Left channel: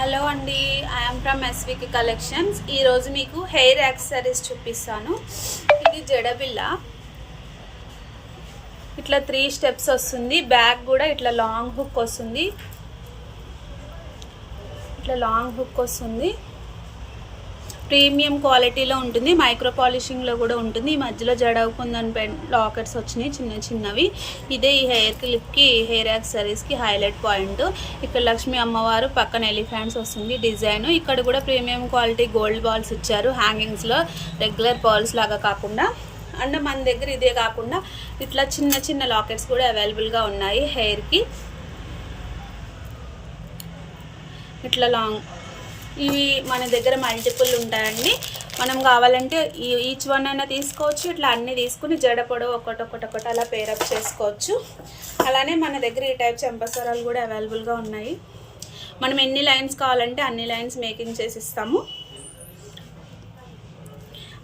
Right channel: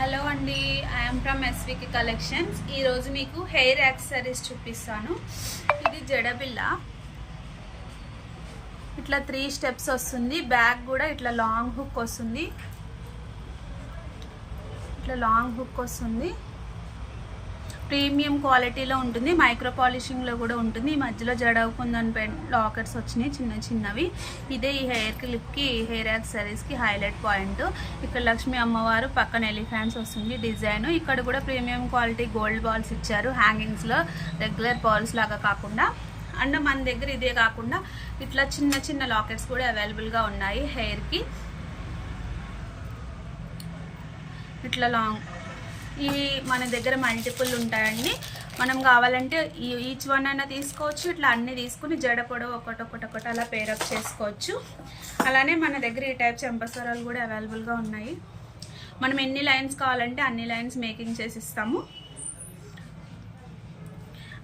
Hello అండి, I'm from ఎస్వికి collections. ఈరోజు మీకు హెయిర్ యాక్సెసరీస్ చూపిస్తాను. ఇది జడబిల్ల, ఇట్లా 3 స్టెప్స్ వస్తుంది. బ్యాక్ కూడా ఇట్లా లాంగ్ హుక్ వస్తుంది, ప్రీమియం క్వాలిటీలో ఉంటుంది. మైక్రో పాలిషింగ్లో కూడా ఉంటుంది. ఈ మధ్యలో జడవుకుందని లాకెట్స్ వచ్చినాయి చిన్నవి. ఇదే ఈ హెయిర్ క్లిప్కి, హెయిర్ యాక్సెసరీస్కి హైలైట్ పాయింట్. ఇక్కడ లక్ష్మీ అమ్మవారు, పక్కన ఎలిఫెంట్స్ వస్తుంది డిజైన్. ఇక్కడ కూడా ప్రీమియం క్వాలిటీ గోల్డ్ బాల్స్ ఇచ్చారు హ్యాంగింగ్స్లో, రెగ్యులర్ బాల్స్ లాగా కాకుండా. అండ్ మన దగ్గర ఇదే కాకుండా ఇట్లా చిన్న లాకెట్స్ కూడా అవైలబుల్గా ఉన్నాయి హెయిర్కి. ఇట్లా లాంగ్, ఇవి మన దగ్గర మల్టిపుల్ ఉంటాయండి. మనం కావాలంటే ఈచ్ వన్ అయినా తీసుకోవచ్చు. ఇట్లా అన్నీ తీసుకుని జడ పొడవు ఒకటి అలా పేరప్ చేసుకోవచ్చు. అలానే మన దగ్గర ఈ టైప్ చెంపసరాలు కూడా అవైలబుల్గా ఉన్నాయి. మనం ఎన్ని లైన్స్ కావాలంటే అన్ని లైన్స్ మేకింగ్ చేసి ఇస్తాము.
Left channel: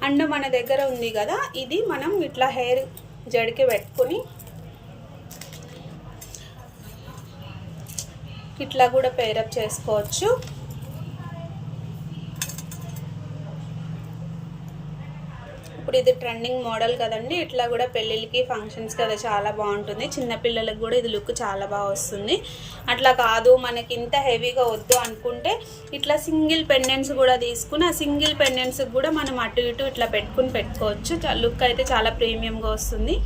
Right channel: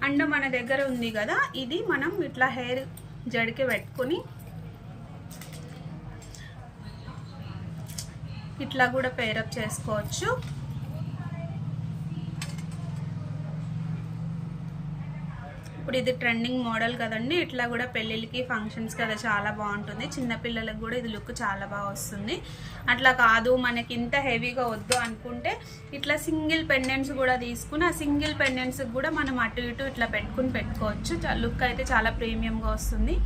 అండ్ మన దగ్గర ఉంది కదా, ఇది మనం ఇట్లా హెయిర్ జడకి పెట్టుకుని ఇట్లా కూడా పేరప్ చేసుకోవచ్చు. ఇప్పుడు ఇది ట్రెండింగ్ మోడల్ కదండి. ఇట్లా కూడా పెళ్ళిళ్ళకి, ఫంక్షన్స్ కదా చాలా బాగుంటుంది. చిన్నపిల్లలకు కూడా ఇది లుక్ చాలా బాగా వస్తుంది. అట్లా కాదు మనకి ఇంత హెవీగా వద్దు అనుకుంటే ఇట్లా సింగిల్ పెండెంట్స్ కూడా తీసుకుని, ఆ సింగిల్ పెండెంట్స్కి కూడా మనం అటు ఇటు ఇట్లా పెట్టుకోవచ్చు. లుక్ అయితే చాలా ప్రీమియంగా వస్తుంది.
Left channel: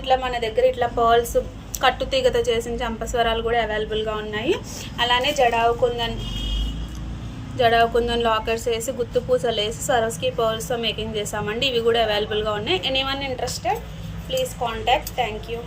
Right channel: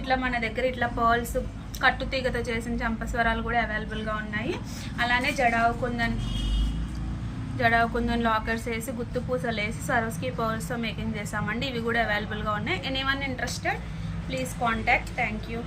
ఇట్లా మన దగ్గర ఇట్లా పర్ల్స్, కట్టుతీగతో చేసిన చంపస్వరాలు కూడా అవైలబుల్గా ఉన్నాయి. అలానే జడావు కుందన్ లాకెట్స్ వేసి, గుత్తు పూసలు వేసి సరస్కి పర్ల్స్తో మేకింగ్ చేసామండి. ఇవి కూడా అవైలబుల్గా ఉన్నాయి. Anyone interested, please contact. Thank you.